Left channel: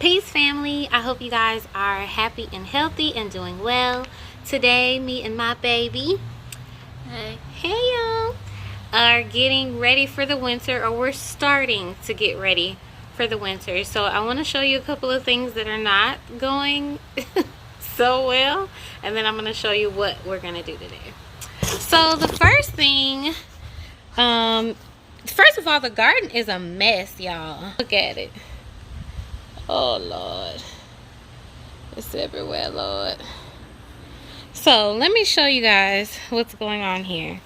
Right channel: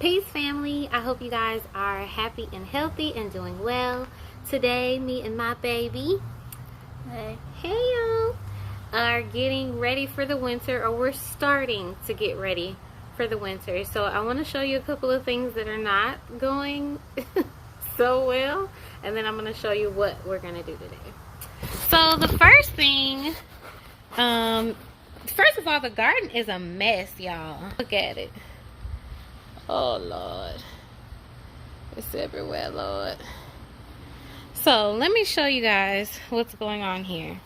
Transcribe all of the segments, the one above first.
Peace, family. I hope you guys are happy and healthy and doing well. Today, me and my baby, hey y'all, are getting ready for the winter, or we're starting to get ready for the winter. So I want to show you a couple of things that are not going so well, and then I'm going to show you what we're going to do today. So the first thing, first of all, the garden is a mess, y'all. Look at it. Oh Lord, it's everywhere, Lord. So let me show you guys what's going on here.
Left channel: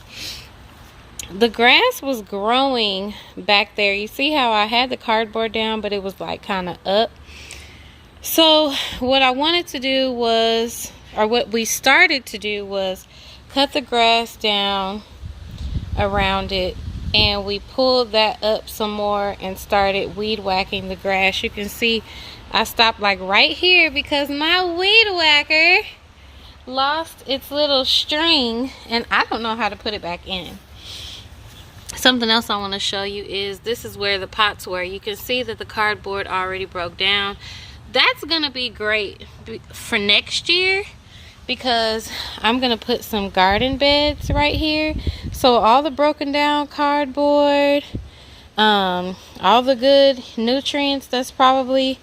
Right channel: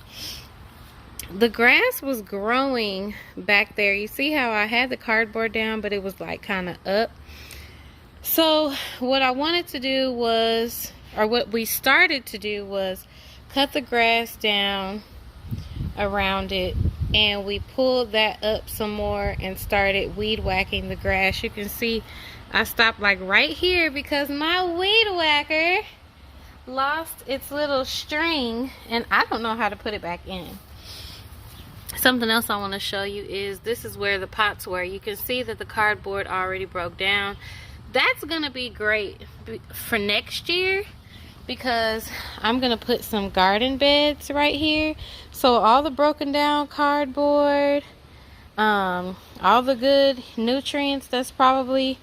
The grass was growing back there. You see how I had the cardboard down, but it was like kind of up. So what I wanted to do was, or what we started to do was cut the grass down around it, and we pulled that up some more and started weed whacking the grass. You can see I stopped like right here because my weed whacker lost its little string and I don't know how to put it back in. Something else I want to show you is this is where the pots were. You can see that the cardboard already broke down. That's gonna be great for next year, because I'm gonna put some garden beds right here. So all the broken down cardboard, all the good nutrients that's probably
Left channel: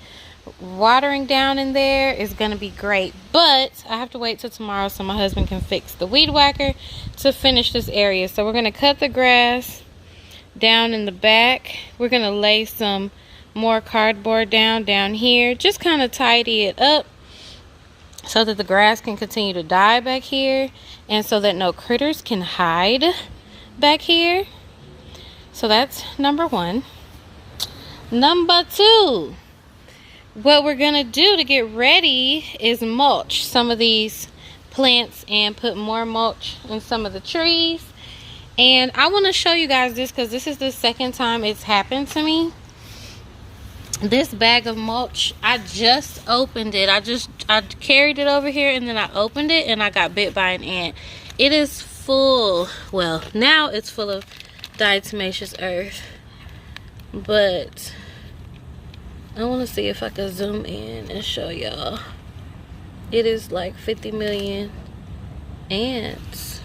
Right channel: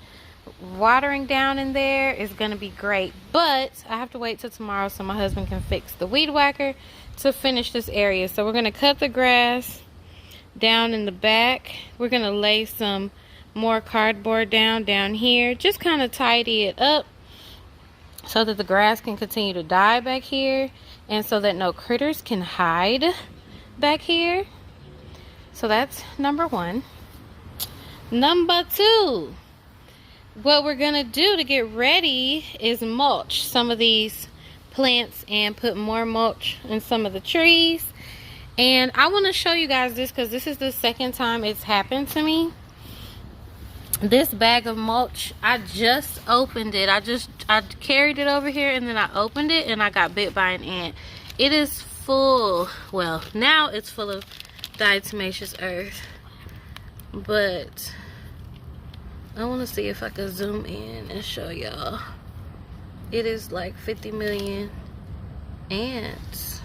watering down in there is gonna be great. But I have to wait till tomorrow so my husband can fix the weed whacker to finish this area. So we're gonna cut the grass down in the back. We're gonna lay some more cardboard down here, just kind of tidy it up so that the grass can continue to die back here, and so that no critters can hide back here. So that's number one. Number two, what we're gonna do to get ready is mulch some of these plants and put more mulch in some of the trees. And I want to show you guys this because this is the second time it's happened to me. This bag of mulch, I just opened it. I carried it over here and then I opened it and I got bit by an ant. It is full, well, now it's full of diatomaceous earth, but I want to see if I can zoom in and show y'all. It is like 50 million ants,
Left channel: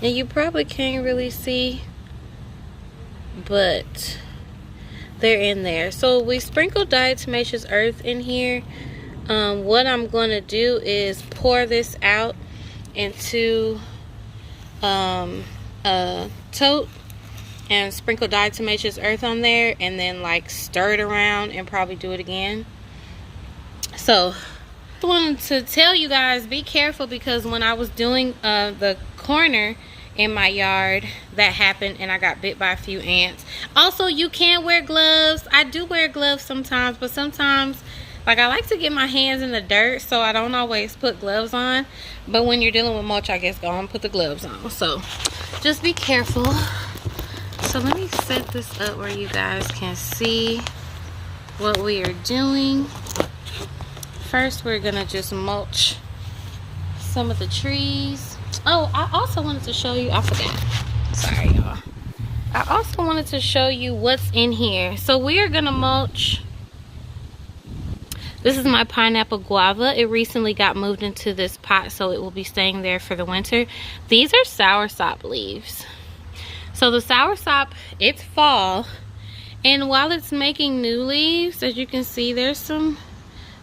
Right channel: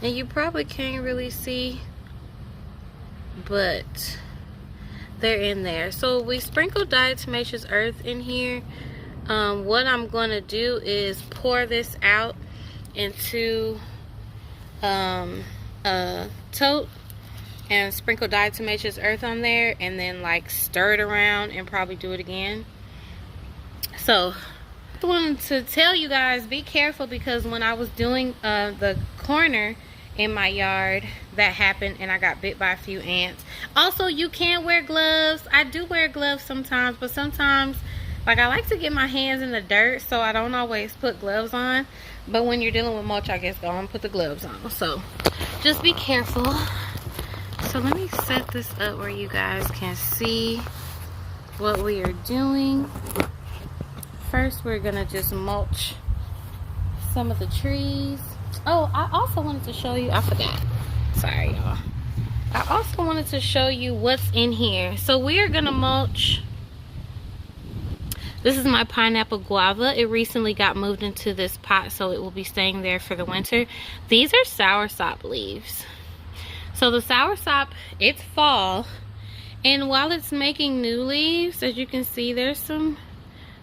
and you probably can't really see, but they're in there. So we sprinkled diatomaceous earth in here. What I'm going to do is pour this out into a tote and sprinkle diatomaceous earth on there, and then like stir it around and probably do it again. So I wanted to tell you guys, be careful, because when I was doing the corner in my yard, that happened and I got bit by a few ants. Also, you can wear gloves. I do wear gloves sometimes, but sometimes like I like to get my hands in the dirt, so I don't always put gloves on. But when you're dealing with mulch, I guess go on and put the gloves on. So just be careful. So let me set this up where you guys can see what we are doing. First, we're gonna just mulch some of the trees. Oh, I also wanted to show you, I forgot. Sorry, y'all. I also wanted to show you what's in here. So we are gonna mulch. This is my pineapple guava. It recently got moved into this pot, so it will be staying there for the winter. These are soursop leaves. So the soursop, it's fall, and while it's making new leaves, as you can see, there's some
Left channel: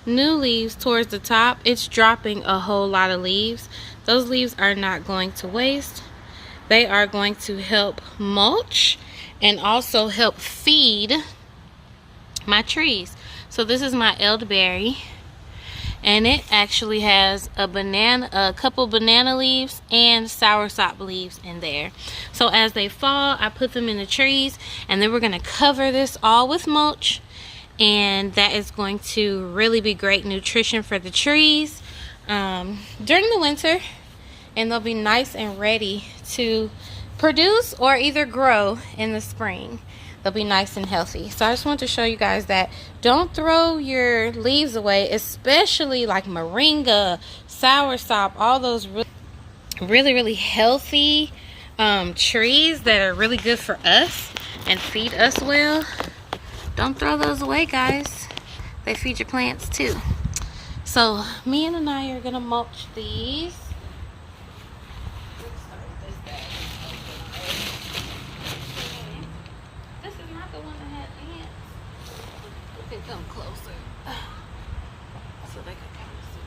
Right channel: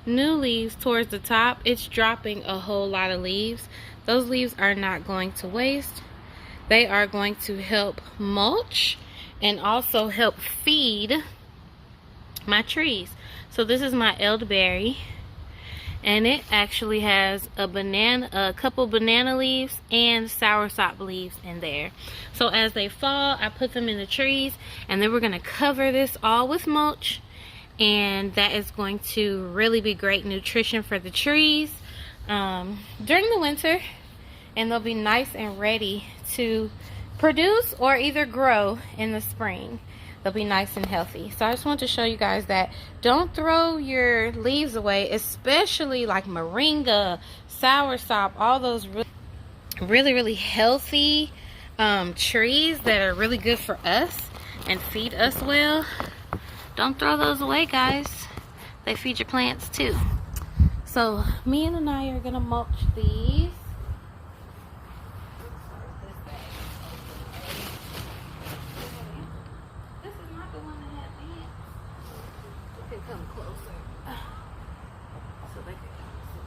new leaves towards the top. It's dropping a whole lot of leaves. Those leaves are not going to waste. They are going to help mulch and also help feed my trees. So this is my elderberry, and it actually has a couple banana leaves and soursop leaves in there. So as they fall, I put them in the trees, and then we're going to cover this all with mulch, and that is going to really be great nutrition for the trees during the winter, and they'll be nice and ready to produce or either grow in the spring. They'll be nice and healthy. So I just want to show you guys that don't throw your leaves away, especially like moringa, soursop, all those really healthy trees that are really good for us and feed us well. Don't throw those away, guys. They feed your plants too. So me and Anaya are gonna mulch these. This is not the one that had ants. We can come closer so they can kind of see.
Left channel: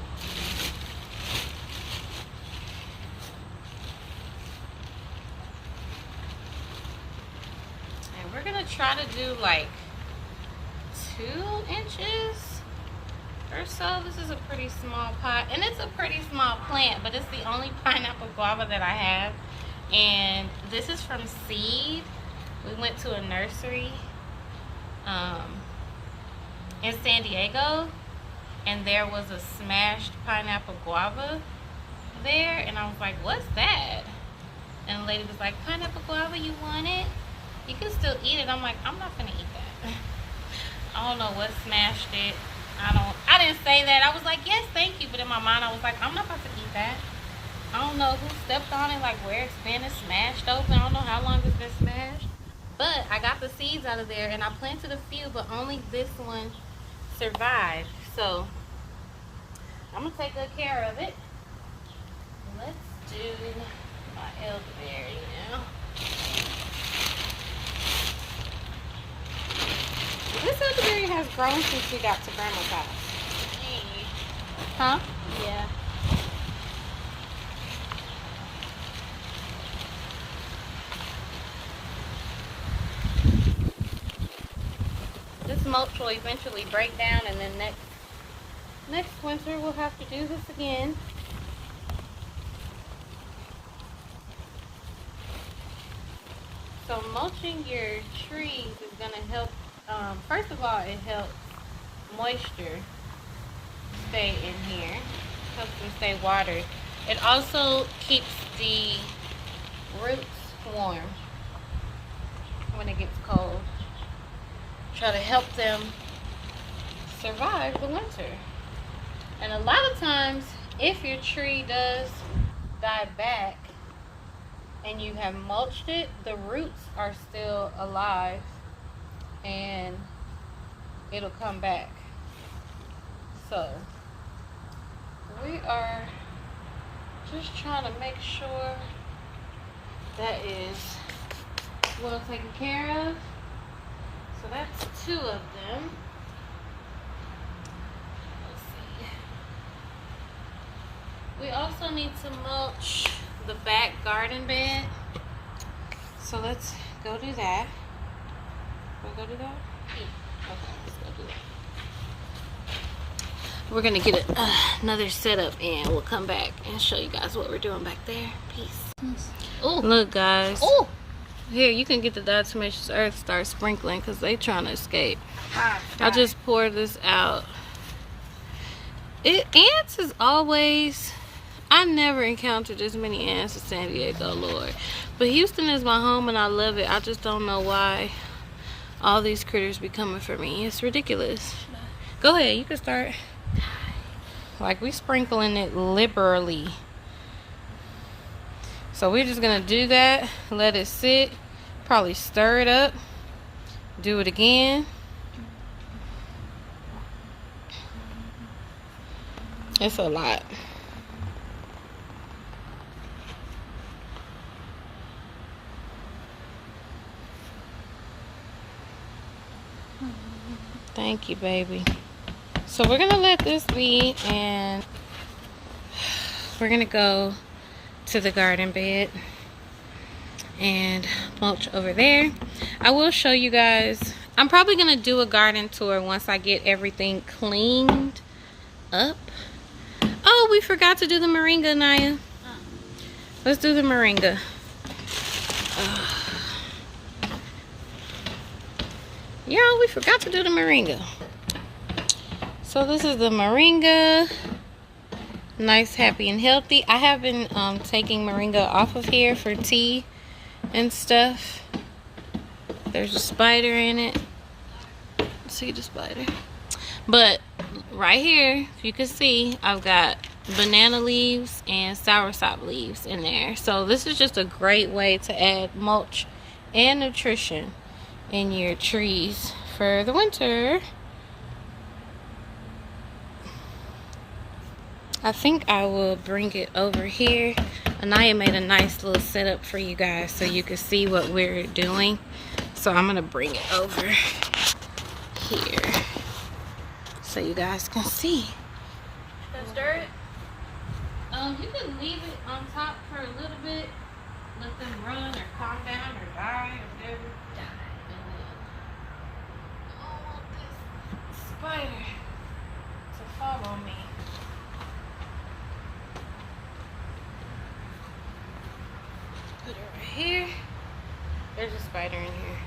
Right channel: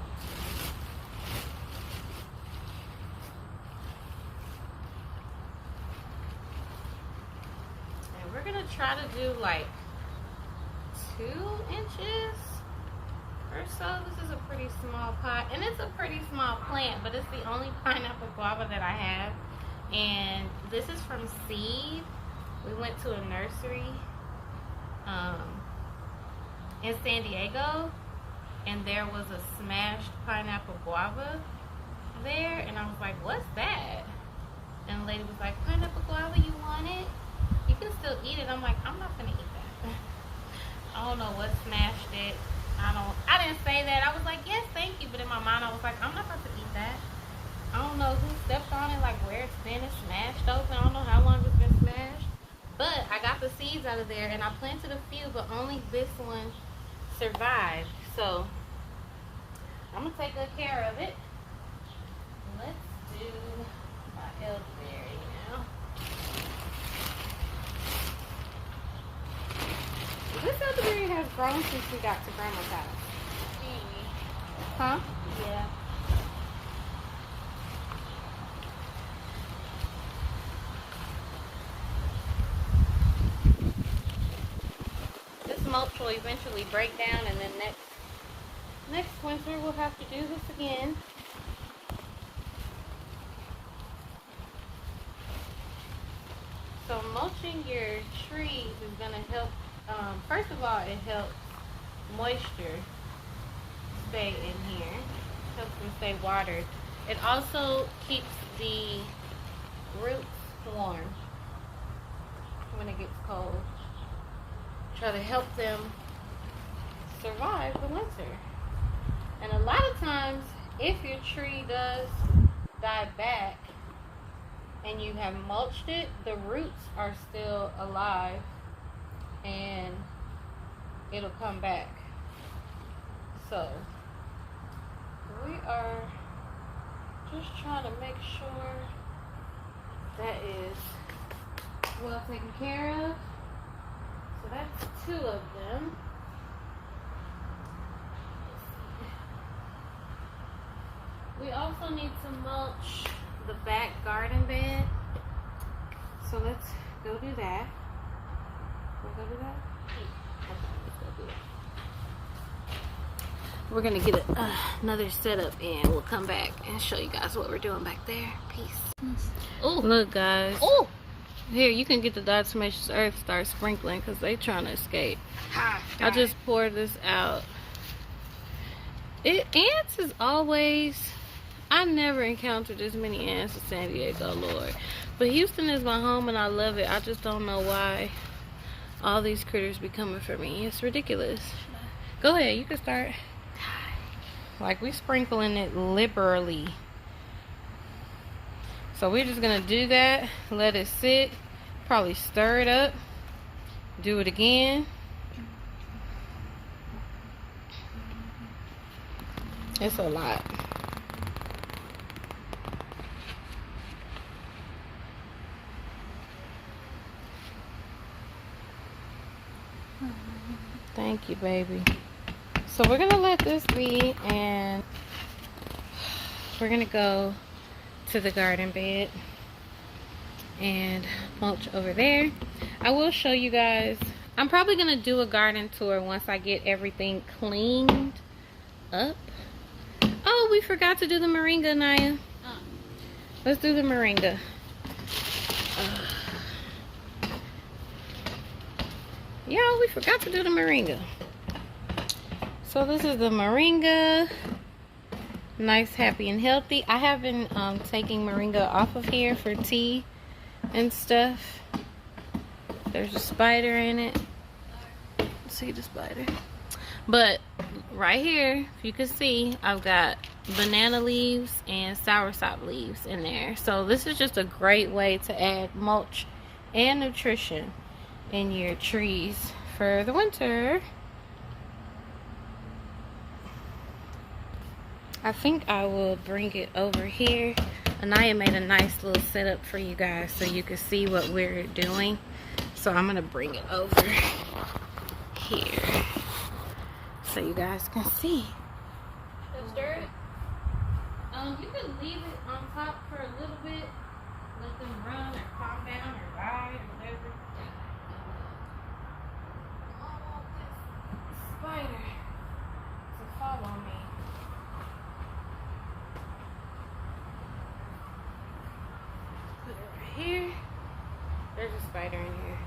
And we're gonna try to do like 2 inches or so. This is a pretty small pot, and it's a pretty small plant, but it's the only pineapple guava that I have. And this is from seed. We went to a nursery in San Diego, and there was a smashed pineapple guava there, and I was like, what's that? And the lady was like, pineapple guava, you want it? You can still eat it. I'm like, I'm not gonna eat that. I don't know what smashed it. I didn't say that. I was like, yes, thank you. But in my mind, I was like, I'm not about to eat that. I don't know who stepped on it, like where it's been. It's smashed open. I don't know how long it's been smashed. But I got the seeds out of there, and I planted a few, but only this one survived. So I'm going to take good care of it. Let's do my elderberry now. This elderberry has grown since we got to Grandma's house. Huh? Yeah. This mulch will eventually break down, and then next winter we'll have to do this again. So mulching your trees is going to help. First of all, it helps moisture stay in here, helps them stay watered. It also keeps the roots warm when it gets cold. Try to help them survive the winter. And a lot of times, if your tree does die back and you have mulched it, the roots are still alive and it'll come back. So we are just trying to make sure that is well taken care of. So that's 2 of them. Let's see. We also need to mulch the back garden bed. So let's go do that. We'll go do that? Okay, let's go do that. We're gonna get another setup, and we'll come back and show you guys what we're doing back there. Peace. Oh, look, guys. Oh, here, you can get the diatomaceous earth, start sprinkling, because they trying to escape. I just poured this out. Ants is always, I never encountered as many ants in San Diego, Lord. But Houston is my home, and I love it. I just don't know why all these critters be coming for me. It's ridiculous. Go ahead, you can start. Like, we sprinkling it liberally. So we're just gonna do that, let it sit, probably stir it up, do it again. It's a lot. Thank you, baby. So we're gonna let this be, and we're gonna go to the garden bed and mulch over there. I will show you guys. I'm probably gonna do a garden tour once I get everything cleaned up. Oh, we forgot to do the moringa, Naya. Let's do the moringa. Y'all, we forgot to do the moringa. So this is the moringa. Nice, happy, and healthy. I have been taking moringa off of here for tea and stuff. There's a spider in it. See the spider? But right here, if you can see, I've got banana leaves and soursop leaves in there. So this is just a great way to add mulch and nutrition in your trees for the winter. I think I will bring it over here. Anaya made a nice little setup for you guys so you can see what we're doing. So I'm gonna bring it over here so you guys can see. Stir it. You can leave it on top for a little bit, let them run or calm down or die or whatever. And then I don't want this spider to fall on me. Put it right here. There's a spider in here.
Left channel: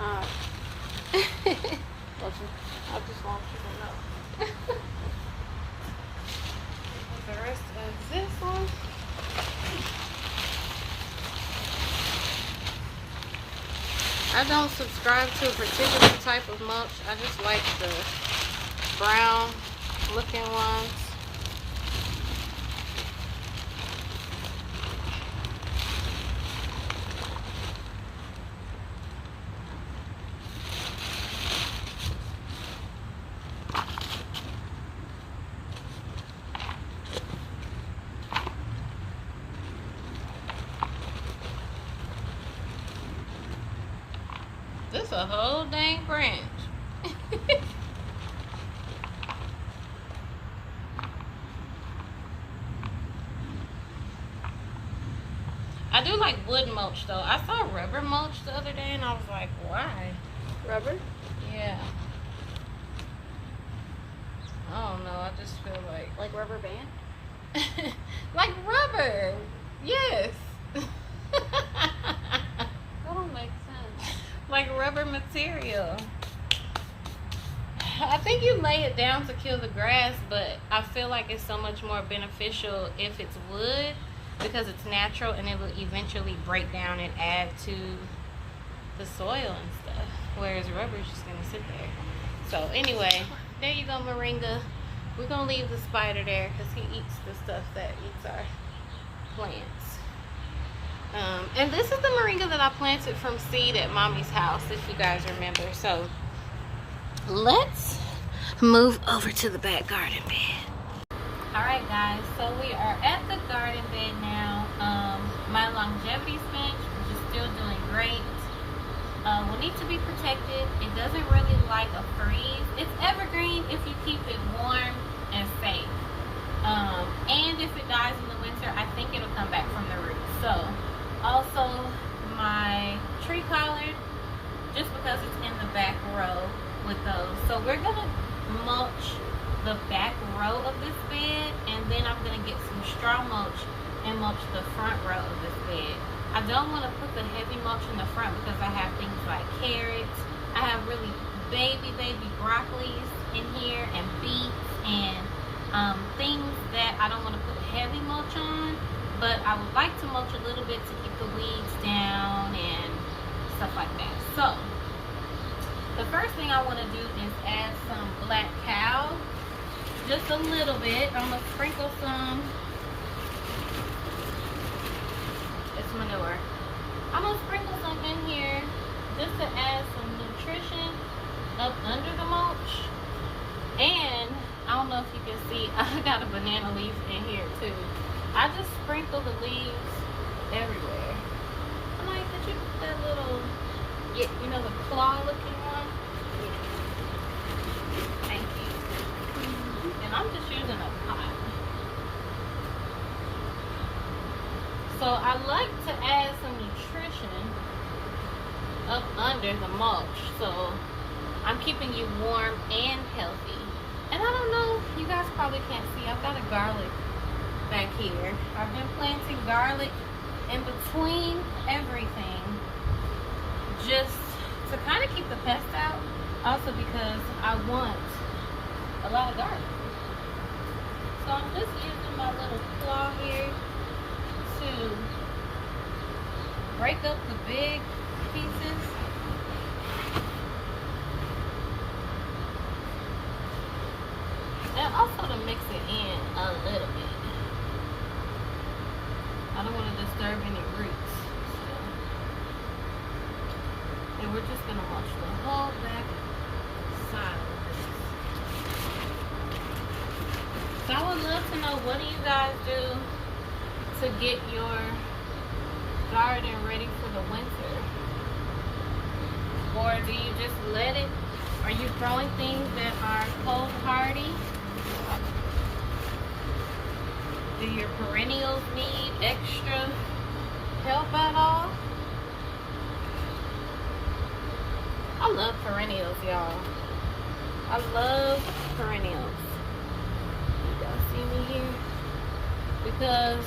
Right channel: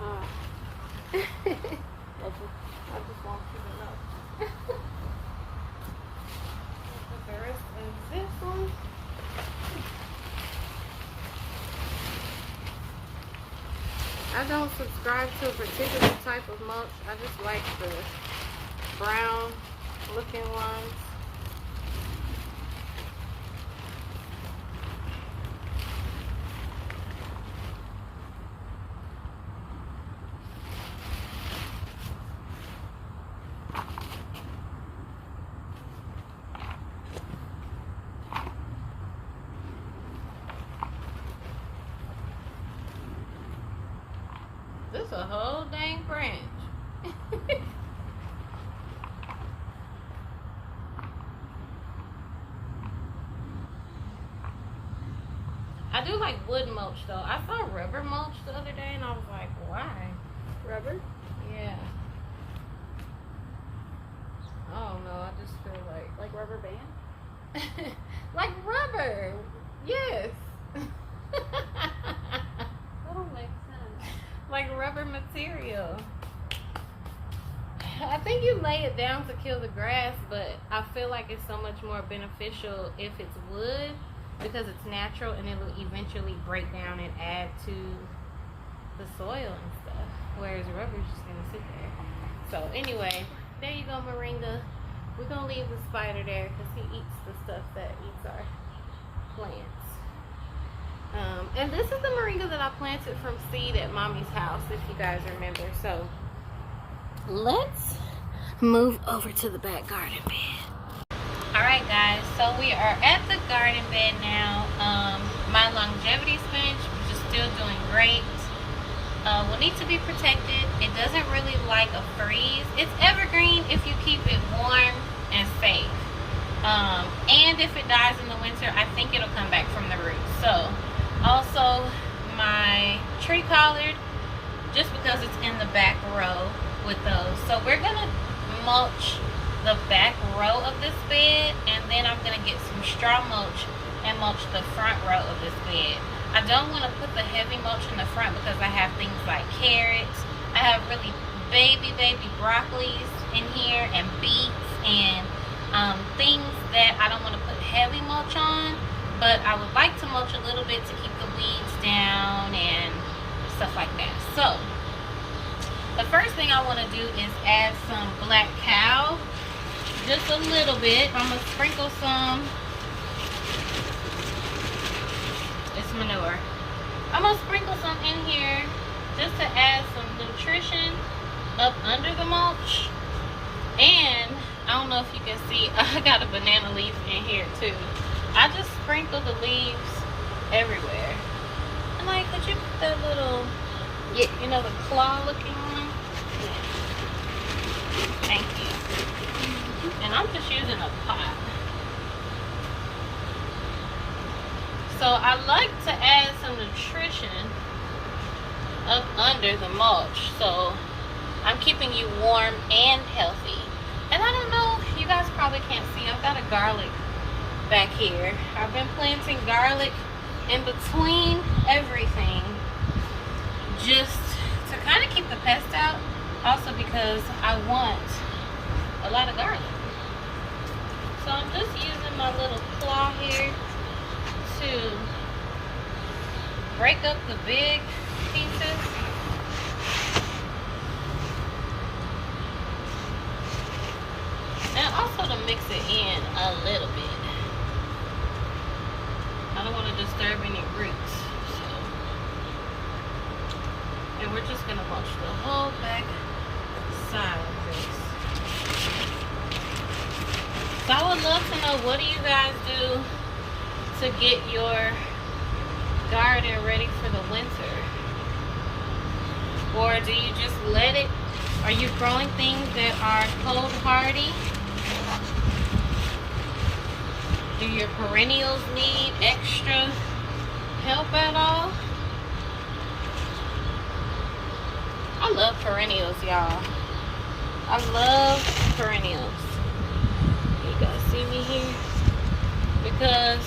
I just want you to know. Put the rest of this one. I don't subscribe to a particular type of mulch. I just like the brown looking ones. This a whole dang branch. I do like wood mulch though. I saw rubber mulch the other day and I was like, why? Rubber? Yeah. I don't know. I just feel like rubber band? like rubber. Yes. That don't make sense. Like rubber material. I think you lay it down to kill the grass, but I feel like it's so much more beneficial if it's wood because it's natural and it will eventually break down and add to the soil and stuff. Whereas rubber is just gonna sit there. So anyway, there you go, moringa. We're gonna leave the spider there because he eats the stuff that eats our plants. And this is the moringa that I planted from seed at mommy's house, if you guys remember. So let's move over to the back garden bed. All right, guys, so we are at the garden bed now. My longevity spinach, which is still doing great, will need to be protected. It doesn't really like a freeze. It's evergreen if you keep it warm and safe. And if it dies in the winter, I think it'll come back from the roots. So also my tree collard, just because it's in the back row with those. So we're gonna mulch the back row of this bed, and then I'm gonna get some straw mulch and mulch the front row of this bed. I don't want to put the heavy mulch in the front because I have things like carrots. I have really baby broccolis in here and beets and things that I don't want to put heavy mulch on, but I would like to mulch a little bit to keep the weeds down and stuff like that. So the first thing I want to do is add some black cow, just a little bit. I'm gonna sprinkle some. It's manure. I'm gonna sprinkle some in here just to add some nutrition up under the mulch. And I don't know if you can see, I got a banana leaf in here too. I just sprinkle the leaves everywhere. And like, could you put that little, you know, the claw looking one? Thank you. And I'm just using a pot. So I like to add some nutrition up under the mulch. So I'm keeping you warm and healthy. And I don't know, you guys probably can't see, I've got a garlic back here. I've been planting garlic in between everything just to kind of keep the pests out. Also because I want a lot of garlic. So I'm just using my little claw here to break up the big pieces. And also to mix it in a little bit. I don't want to disturb any roots. So. And we're just going to mulch the whole back side of this. So I would love to know, what do you guys do to get your garden ready for the winter? Or do you just let it? Are you growing things that are cold hardy? Do your perennials need extra help at all? I love perennials, y'all. I love perennials. You guys see me here? Because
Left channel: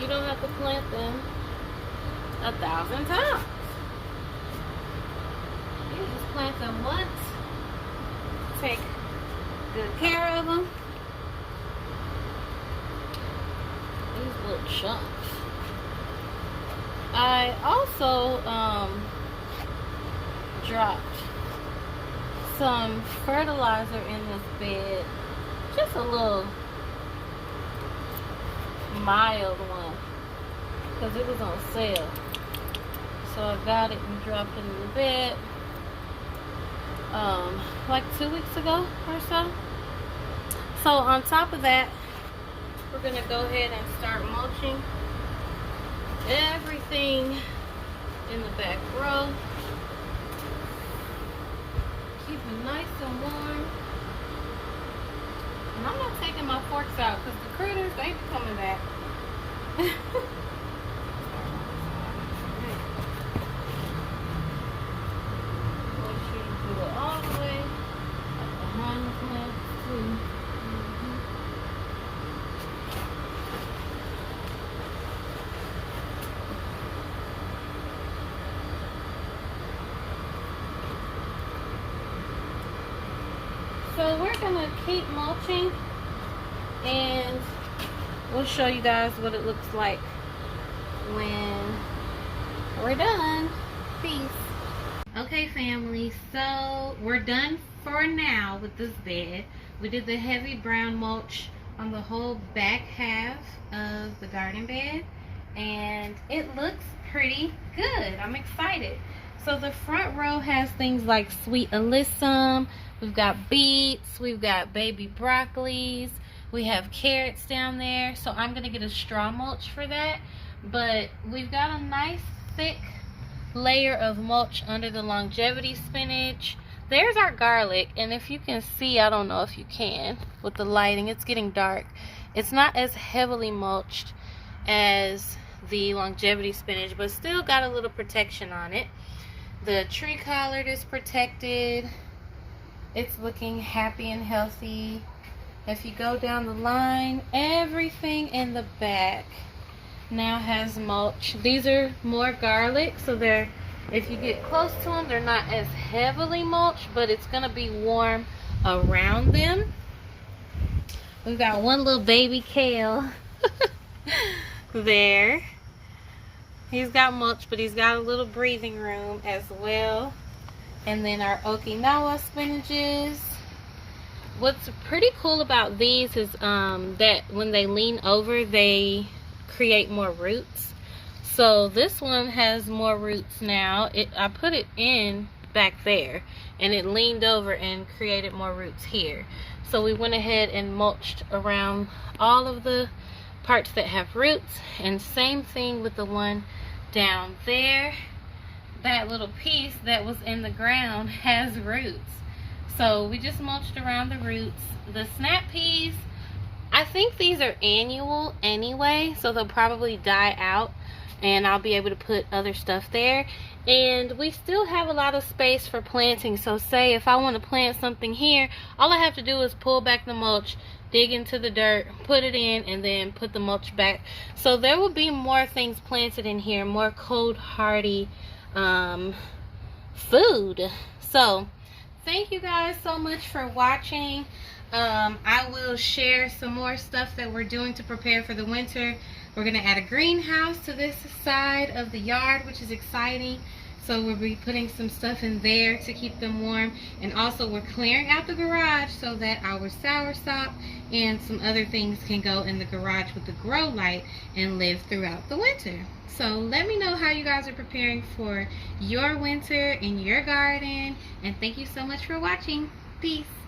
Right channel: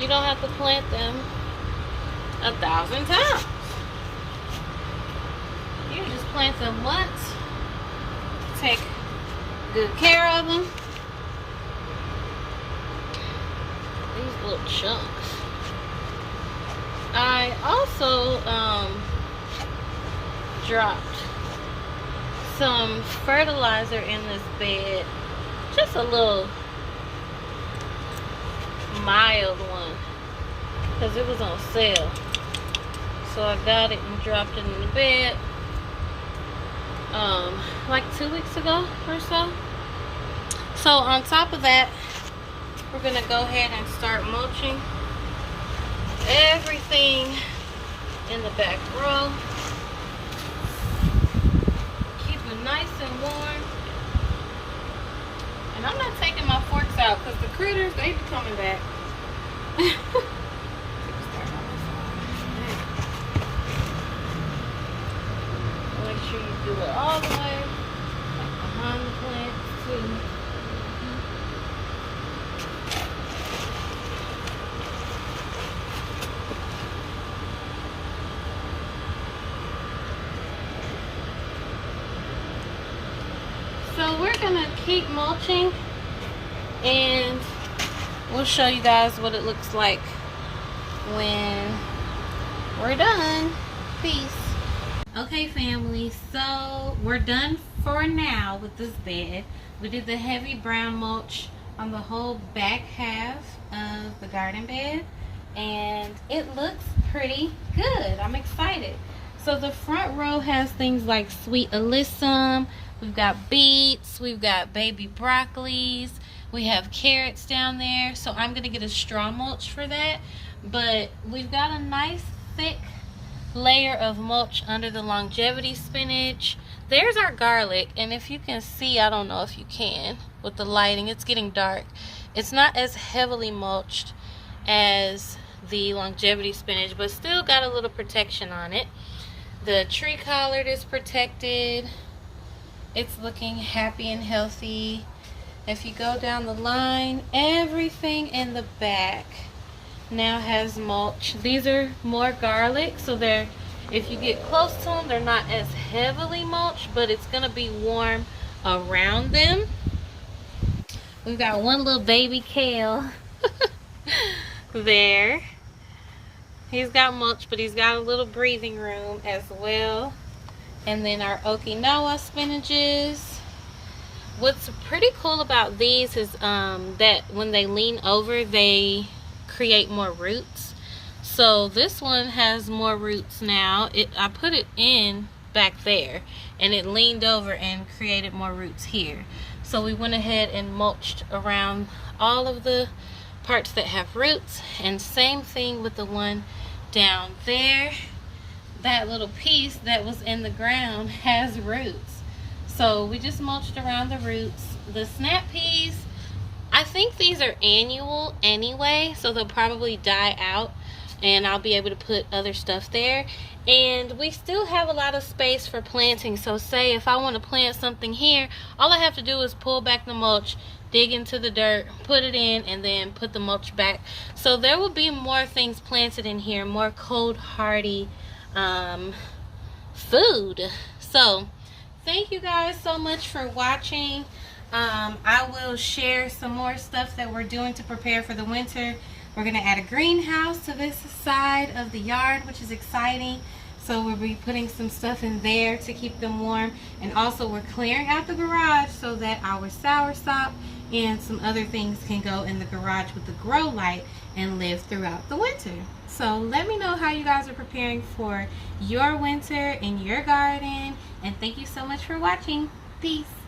you don't have to plant them 1,000 times. You just plant them once, take good care of them. These little chunks. I also dropped some fertilizer in this bed, just a little mild one, because it was on sale. So I got it and dropped it in the bed like 2 weeks ago or so. So on top of that, we're gonna go ahead and start mulching everything in the back row. Keep it nice and warm. And I'm not taking my forks out because the critters, they be coming back. Make sure you do it all the way behind the plants too. So we're gonna keep mulching, and we'll show you guys what it looks like when we're done. Peace. Okay, family, so we're done for now with this bed. We did the heavy brown mulch on the whole back half of the garden bed, and it looks pretty good. I'm excited. So the front row has things like sweet alyssum, we've got beets, we've got baby broccolis, we have carrots down there. So I'm gonna get a straw mulch for that, but we've got a nice thick layer of mulch under the longevity spinach. There's our garlic, and if you can see, I don't know if you can with the lighting, it's getting dark. It's not as heavily mulched as the longevity spinach, but still got a little protection on it. The tree collard is protected. It's looking happy and healthy. If you go down the line, everything in the back now has mulch. These are more garlic, so they're, if you get close to them, they're not as heavily mulched, but it's gonna be warm around them. We've got one little baby kale there. He's got mulch, but he's got a little breathing room as well. And then our Okinawa spinaches. What's pretty cool about these is that when they lean over, they create more roots. So this one has more roots now. I put it in back there, and it leaned over and created more roots here. So we went ahead and mulched around all of the parts that have roots, and same thing with the one down there. That little piece that was in the ground has roots, so we just mulched around the roots. The snap peas, I think these are annual anyway, so they'll probably die out and I'll be able to put other stuff there. And we still have a lot of space for planting, so say if I want to plant something here, all I have to do is pull back the mulch, dig into the dirt, put it in, and then put the mulch back. So there will be more things planted in here, more cold hardy food. So thank you guys so much for watching. I will share some more stuff that we're doing to prepare for the winter. We're gonna add a greenhouse to this side of the yard, which is exciting. So we'll be putting some stuff in there to keep them warm. And also we're clearing out the garage so that our soursop and some other things can go in the garage with the grow light and live throughout the winter. So let me know how you guys are preparing for your winter in your garden. And thank you so much for watching. Peace.